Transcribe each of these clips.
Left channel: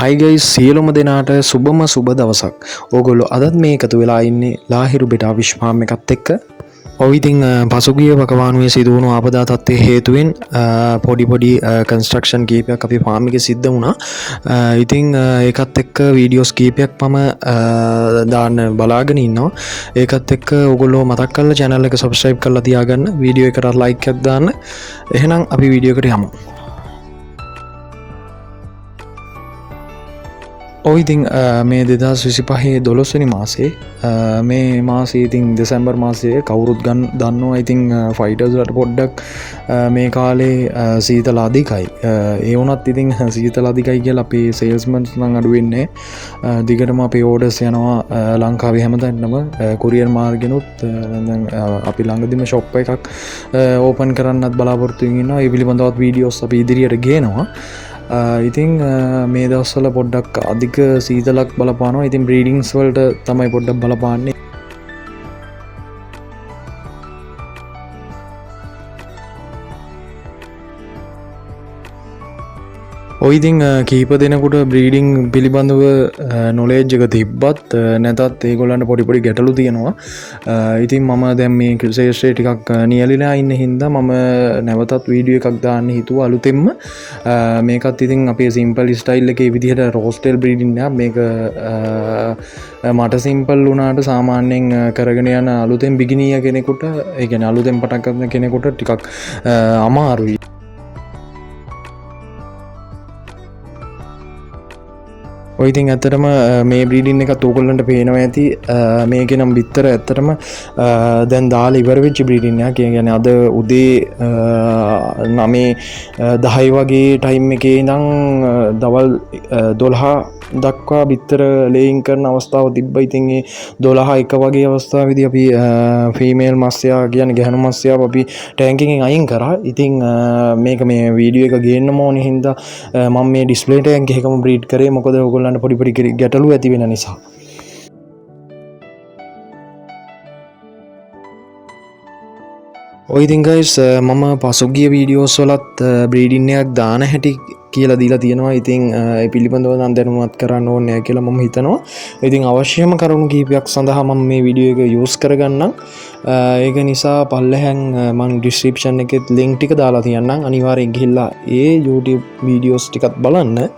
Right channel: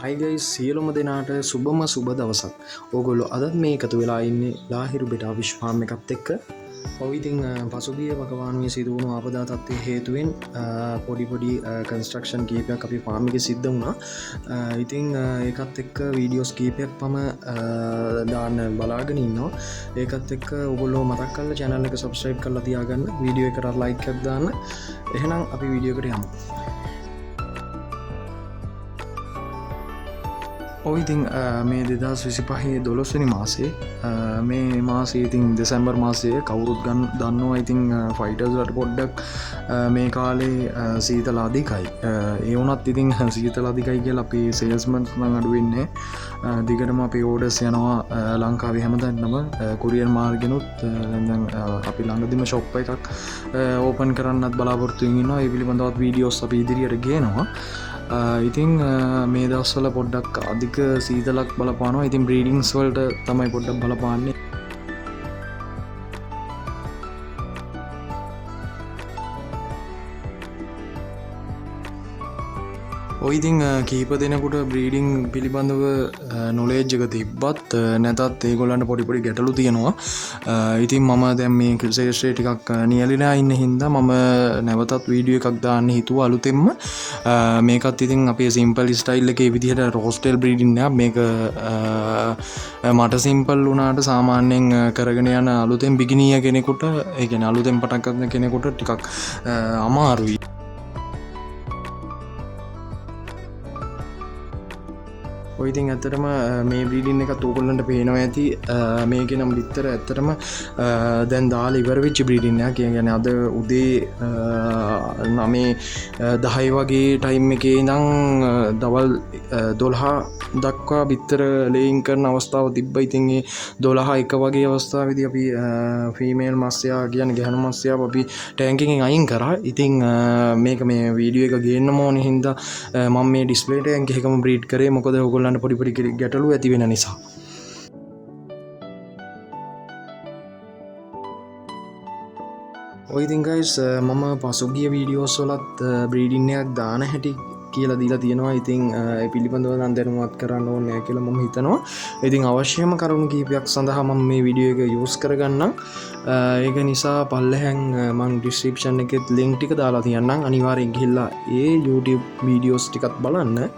Hi guys, සියලුම දෙනාට සුබම සුබ දවසක්. ඕගොල්ලෝ අදත් මේ එකතු වෙලා ඉන්නේ ලාහිරු බෙටා විශ් ෆාම් එකත් එක්ක. ඔව් ඉතින් පසුගිය වකවානුවේ සිදුවුණු ආපදා තත්ත්වයේ හේතුවෙන් පොඩි කන්ස්ට්‍රක්ෂන් කීපයක් අපි ෆාම් එකේ සිද්ධ වුණා. ඉතින් ඒකත් එක්ක වීඩියෝස් කීපයක් මම දාන්න බලාගෙන ඉන්නවා. ඒකත් එක්ක ඕගොල්ලෝ මතක් කරලා channel එක subscribe කරලා තියාගන්න. වීඩියෝ එකට like එකක් දාන්න. එහෙනම් අපි වීඩියෝ එකට යමු. ඔයිතින් මේ 2025 දොළොස්වනි මාසේ මේ මාසේ ඉතින් දෙසැම්බර් මාසය කවුරුත් දන්නවා. ඉතින් ෆයිටර්ස්ලට පොඩ්ඩක් මේ කාලේ සීතල අධිකයි. ඒ වුණත් ඉතින් සීතල අධිකයි කියලා අපේ සේල්ස්මන්ස් නම් අඩු වෙන්නේ. දිගටම අපේ ඕඩර්ස් යනවා ලංකාවේ හැමතැනම කොරියර් මාර්ගෙනුත්. දැන් අපි ළඟදිම ෂොප් එකක් ඕපන් කරන්නත් බලාපොරොත්තු වෙනවා. ඒ පිළිබඳවත් වීඩියෝස් අපි ඉදිරියට ගේනවා. ඉතින් මේ දවස්වල පොඩ්ඩක් අධික සීතලක් බලපානවා. ඉතින් බ්‍රීඩිංස් වලට තමයි පොඩ්ඩක් බලපාන්නේ. ඔයිතින් කීප දෙනකුට බ්‍රීඩිං පිළිබඳව නොලේජ් එක තිබ්බත් නැතත් ඒගොල්ලන්ට පොඩිපොඩි ගැටලු තියෙනවා. ඉතින් මම දැන් මේ ක්‍රිසේෂ්‍රේ ටිකක් නියලිලා ඉන්න හින්දා මම නැවතත් වීඩියෝ එකක් දාන්න හිතුවා අලුතෙන්ම. මේකත් ඉතින් අපේ සිම්පල් ස්ටයිල් එකේ විදිහට රෝස්ටෙල් බ්‍රීඩින් එකක්. මේක මට සිම්පල් වුණාට සාමාන්‍යයෙන් කරගෙන යන අලුතෙන් බිගිනිය කෙනෙකුට, ඒ කියන්නේ අලුතෙන් පටන් ගන්න කෙනෙකුට ටිකක් අමාරුයි. ඔයිතින් ඇතරම මේ බ්‍රීඩින් එකත් ඕගොල්ලන්ට පේනවා ඇති. මේක නම් බිත්තර ඇත්තටම දැන් දාලා ඉවර වෙච්ච බ්‍රීඩින් එකක්. කියන්නේ අද උදේ 9:10 වගේ ටයිම් එකේ ඉඳන් දවල් 12 දක්වා බිත්තර ලේයින් කරන අවස්ථාව තිබ්බා. ඉතින් ඒ 12:01 වගේ අවස්ථාවේදී අපි ෆීමේල් මස්යා කියන්නේ ගැහණු මස්යාව අපි ටැංක් එකෙන් අයින් කරා. ඉතින් මේක මේ වීඩියෝ එක ගේන්න ඕනේ හින්දා මම මේ ඩිස්ප්ලේ ටැංක් එකකම බ්‍රීඩ් කරේ. මොකද ඕගොල්ලෝ පොඩි ගැටලු ඇති වෙන නිසා. ඔයිතින් ගයිස් මම පසුගිය වීඩියෝස් වලත් බ්‍රීඩින් එකක් දාන හැටි කියලා දීලා තියෙනවා. ඉතින් ඒ පිළිබඳව නම් දැනුවත් කරන්න ඕනේ කියලා මම හිතනවා. ඉතින් අවශ්‍යම කරුණු කීපයක් සඳහා මම මේ වීඩියෝ එක යූස් කරගන්නම්. ඒක නිසා පල්ලෙහෙන් මම ඩිස්ක්‍රිප්ෂන් එකෙත් ලින්ක් ටික දාලා තියන්නම්. අනිවාර්යෙන් ගිහිල්ලා ඒ YouTube වීඩියෝස් ටිකත් බලන්න.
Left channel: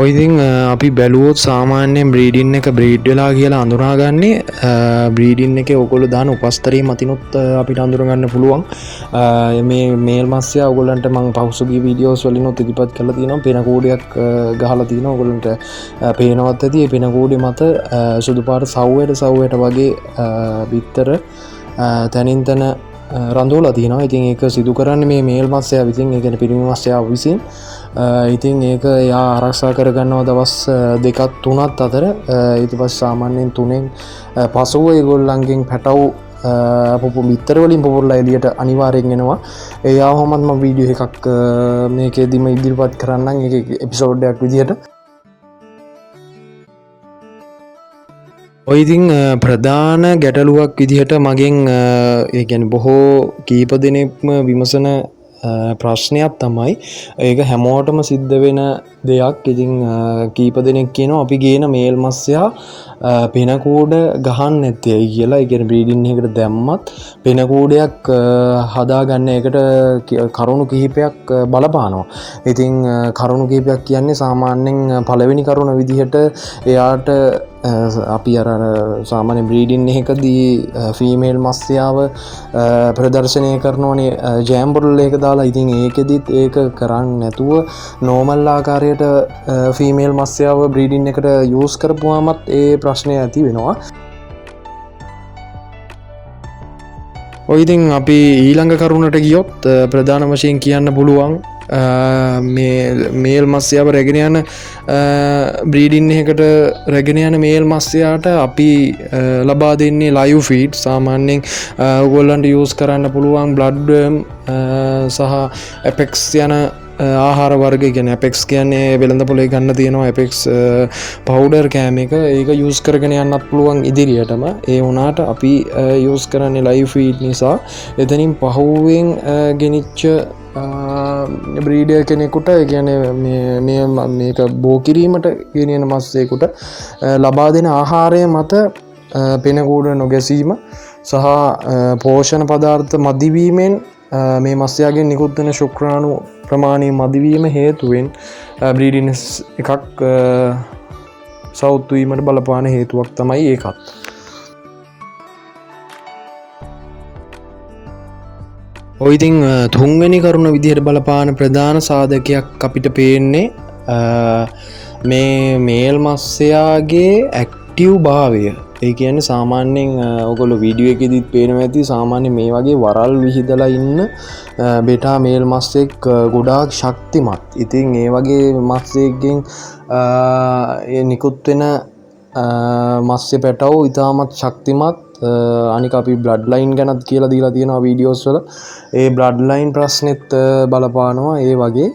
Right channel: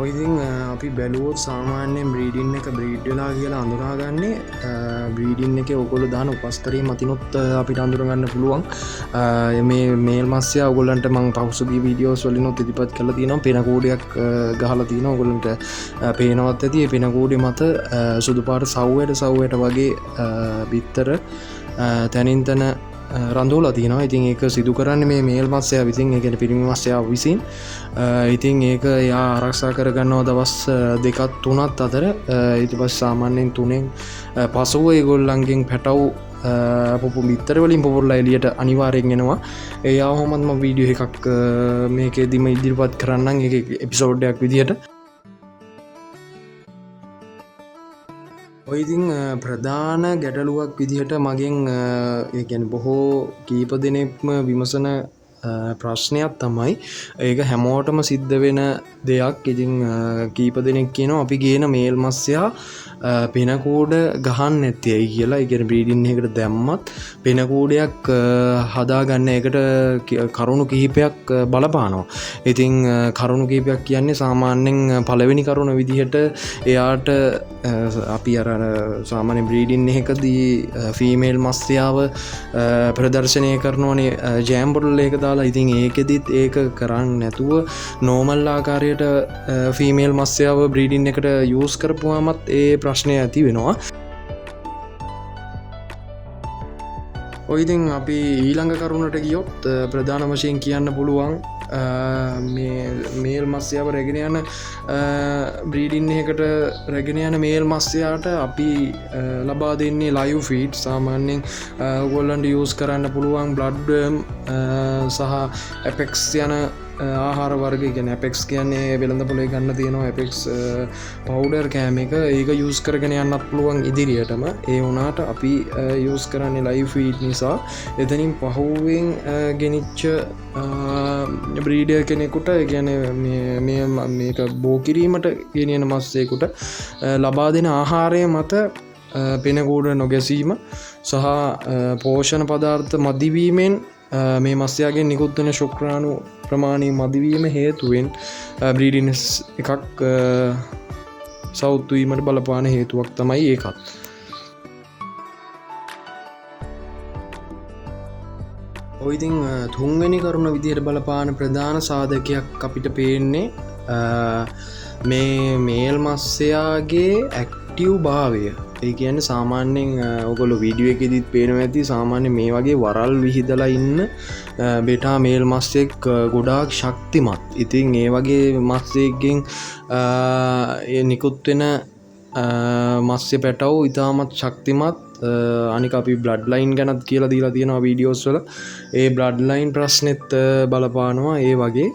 ඔයිතින් අපි බැලුවොත් සාමාන්‍යයෙන් බ්‍රීඩින් එක බ්‍රීඩ් වෙලා කියලා අඳුනාගන්නේ බ්‍රීඩින් එකේ ඔයගොල්ලෝ දාන උපස්තරී මතිනුත් අපිට අඳුරගන්න පුළුවන්. මේ මේල් මස්යා ඔයගොල්ලන්ට මම පහුසුගිය වීඩියෝස් වලිනුත් ඉදිරිපත් කරලා තියෙනවා. පෙන කූඩයක් ගහලා තියෙනවා. ඔයගොල්ලන්ට පේනවත් ඇති. ඒ පෙන කූඩේ මත සුදු පාට සව්වයට වගේ බිත්තර තනින් තන රඳෝලා තියෙනවා. ඉතින් ඒක සිදු කරන්නේ මේ මේල් මස්යා විසින්. ඒ කියන්නේ පිරිමි මස්යා විසින්. ඉතින් ඒක එයා ආරක්ෂා කරගන්නවා දවස් 2-3 අතර. ඊට පස්සේ සාමාන්‍යයෙන් 3න් පසුව ඒගොල්ලන්ගෙන් පැටව් බිත්තර වලින් පුපුරලා එළියට අනිවාර්යෙන් එනවා. ඒ ආවමත් මම වීඩියෝ එකක් මේකෙදිම ඉදිරිපත් කරන්නම්. ඒක එපිසෝඩ් එකක් විදිහට. ඔයිතින් ප්‍රධාන ගැටලුවක් විදිහට මගෙන් ඒ කියන්නේ බොහෝ කීප දෙනෙක්ම විමසන ප්‍රශ්නයක් තමයි ඒක හැමෝටම සිද්ධ වෙන දෙයක්. ඉතින් කීප දෙනෙක් කියනවා අපි ගේන මේල් මස්යා පෙනකූඩ ගහන්න නැත්තේ ඇයි කියලා. ඒ කියන්නේ බ්‍රීඩින් එකකට දැම්මත් පෙනකූඩයක් හදාගන්න එකට කරුණු කිහිපයක් බලපානවා. ඉතින් කරුණු කිහිපයක් කියන්නේ සාමාන්‍යයෙන් පළවෙනි කරුණ විදිහට එයාට අපි අර සාමාන්‍ය බ්‍රීඩින් එකකදී ෆීමේල් මස්යාව ප්‍රදර්ශනය කරනෝනේ ජෑම්බුරුල් එක දාලා. ඉතින් ඒකෙදිත් ඒක කරන්න නැතුව නෝමල් ආකාරයට ෆීමේල් මස්යාව බ්‍රීඩින් එකට යූස් කරපුවාමත් ඒ ප්‍රශ්නය ඇති වෙනවා. ඔයිතින් අපි ඊළඟ කරුණට ගියොත් ප්‍රධාන වශයෙන් කියන්න පුළුවන් මේල් මස්යාව රැගෙන යන බ්‍රීඩින් එකට රැගෙන යන මේල් මස්යාට අපි ලබා දෙන්නේ ලයිව් ෆීඩ්. සාමාන්‍යයෙන් ඔයගොල්ලන්ට යූස් කරන්න පුළුවන් බ්ලඩ් වර්ම් සහ ඇපෙක්ස් යන ආහාර වර්ග ගැන ඇපෙක්ස් කියන්නේ වෙළඳ පොලේ ගන්න තියෙනවා ඇපෙක්ස් පවුඩර් කෑම එක ඒක යස් කරගෙන යන්නත් පුළුවන් ඉදිරියටම ඒ වනාට අපි යස් කරන්නේ ලයි ෆීට් නිසා එතනින් පහුවෙන් ගෙනනිච්ච බ්‍රීඩිය කෙනෙකුට ගැන මේක බෝකිරීමට ගෙනන මස්සේකුට ලබා දෙන ආහාරය මත පෙනකූඩ නොගැසීම සහ පෝෂණ පදාර්ථ මදිවීමෙන් මේ මස්්‍යයාගේ නිකුත්වන ශුක්‍රාණු ප්‍රමාණය මදිවීම හේතුවෙන් බ්‍රීඩිනස් එකක් සෞත්වීමට බලපාන හේතුවක් තමයි ඒකත්. ඔයිතිං තුන්වැනි කරුණ විදිහයට බලපාන ප්‍රධාන සාධකයක් අපිට පේන්නේ මේ මේල් මස්සයාගේ ඇක්ටව් භාවය ඒ කියන සාමාන්‍යෙන් ඔකොල විඩිය එකෙදිත් පේනම ඇති සාමාන්‍ය මේ වගේ වරල් විහිදලා ඉන්න බෙටා මේල් මස්සෙක් ගොඩාක් ශක්තිමත් ඉතින් ඒ වගේ මස්සයක්ගෙන් නිකුත්වෙන මස්්‍ය පැටව් ඉතාමත් ශක්තිමත් අනික අපි බ්ලඩ් ලයින් ගැනත් කියලා දීලා තියෙනවා වීඩියෝස් වල ඒ බ්ලඩ් ලයින් ප්‍රශ්නෙත් බලපානවා ඒ වගේ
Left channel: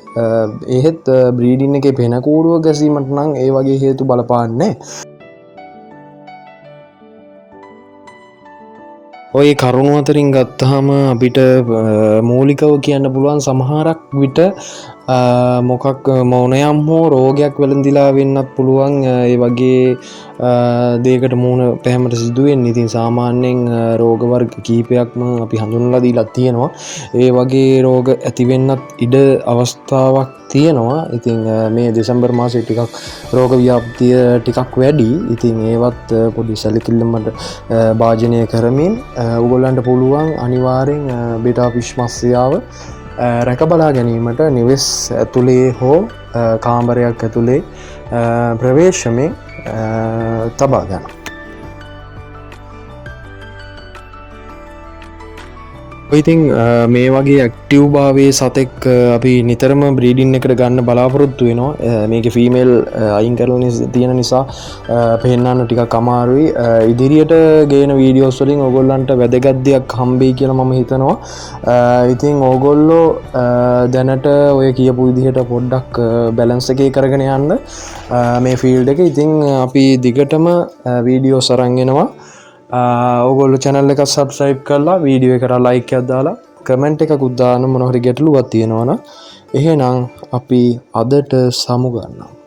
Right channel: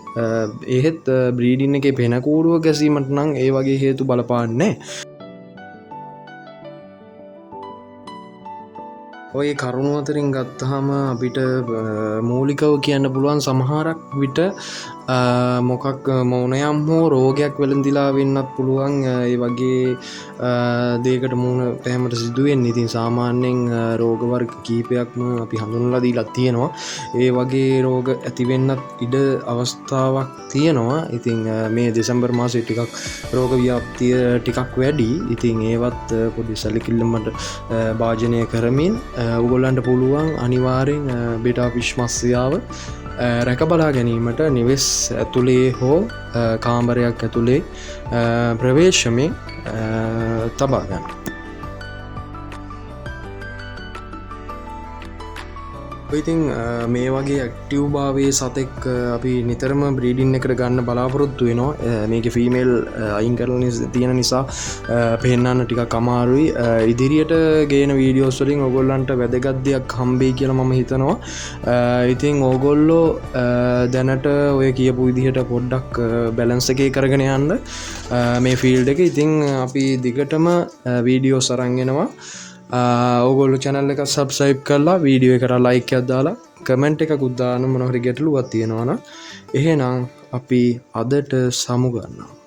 එහෙත් බ්‍රීඩින් එක පෙනකූඩුව ගැසීමට නම් ඒ වගේ හේතු බලපාන්නේ ඔය කරුණු අතරින් ගත්තහම අපිට මූලිකව කියන්න පුළුවන් සමහරක් විට මොකක් මෝනයම් හෝ රෝගයක් වෙළඳිලා වෙන්නත් පුළුවන් ඒ වගේ දේකට මූුණ පැහැමට සිදුවෙන් ඉතින් සාමාන්‍යයෙන් රෝගවර්ග කීපයක්ම අපි හඳුනලා දීලත් තියෙනවා ඒ වගේ රෝග ඇතිවෙන්නත් ඉඩ අවස්ථාවක් තියෙනවා ඉතිං මේ දෙසැම්බර් මාසය ටිකක් රෝග ව්‍යාප්තිය ටිකක් වැඩි ඉතින් ඒවත් පොඩි සැලිකිල්ලමට භාජනය කරමින් උගොල්ලන්ට පුළුවන් අනිවාරෙන් බෙටා පිශ්මස්යාව රැකබලා ගැනීමට නිවෙස් ඇතුළේ හෝ කාම්බරයක් ඇතුළේ ප්‍රවේශමය තබාගන්න. ඉතින් මේ වගේ ඇක්ටව් භාවේ සතෙක් අපි නිතරම බ්‍රීඩින් එකට ගන්න බලාපොරොත්තු වෙනවා මේක ෆීමේල් අයින් කරන තියෙන නිසා පෙන්න්න ටික කමාරුයි ඉදිරියට ගේන වීඩියෝස් වලින් ඔගොල්ලන්ට වැදගත්දයක් හම්බේ කියලා මම හිතනවා ඉතින් ඕගොල්ලෝ දැනට ඔය කියපු විදිහට පොඩ්ඩක් බැලන්ස එකේ කරගෙන යන්න මේ ෆීල්ඩ් එක ඉතින් අපි දිගටම වීඩියෝ සරංගෙනවා ඔගොල්ලු චැනල් එක සබ්ස්ක්‍රයිබ් කරලා වීඩියෝ එකට ලයික් එකක් දාලා කමෙන්ට් එකකුත් දාන්න මොනවා හරි ගැටලුවක් තියෙනවනම් එහෙනම් අපි අදට සමු ගන්නවා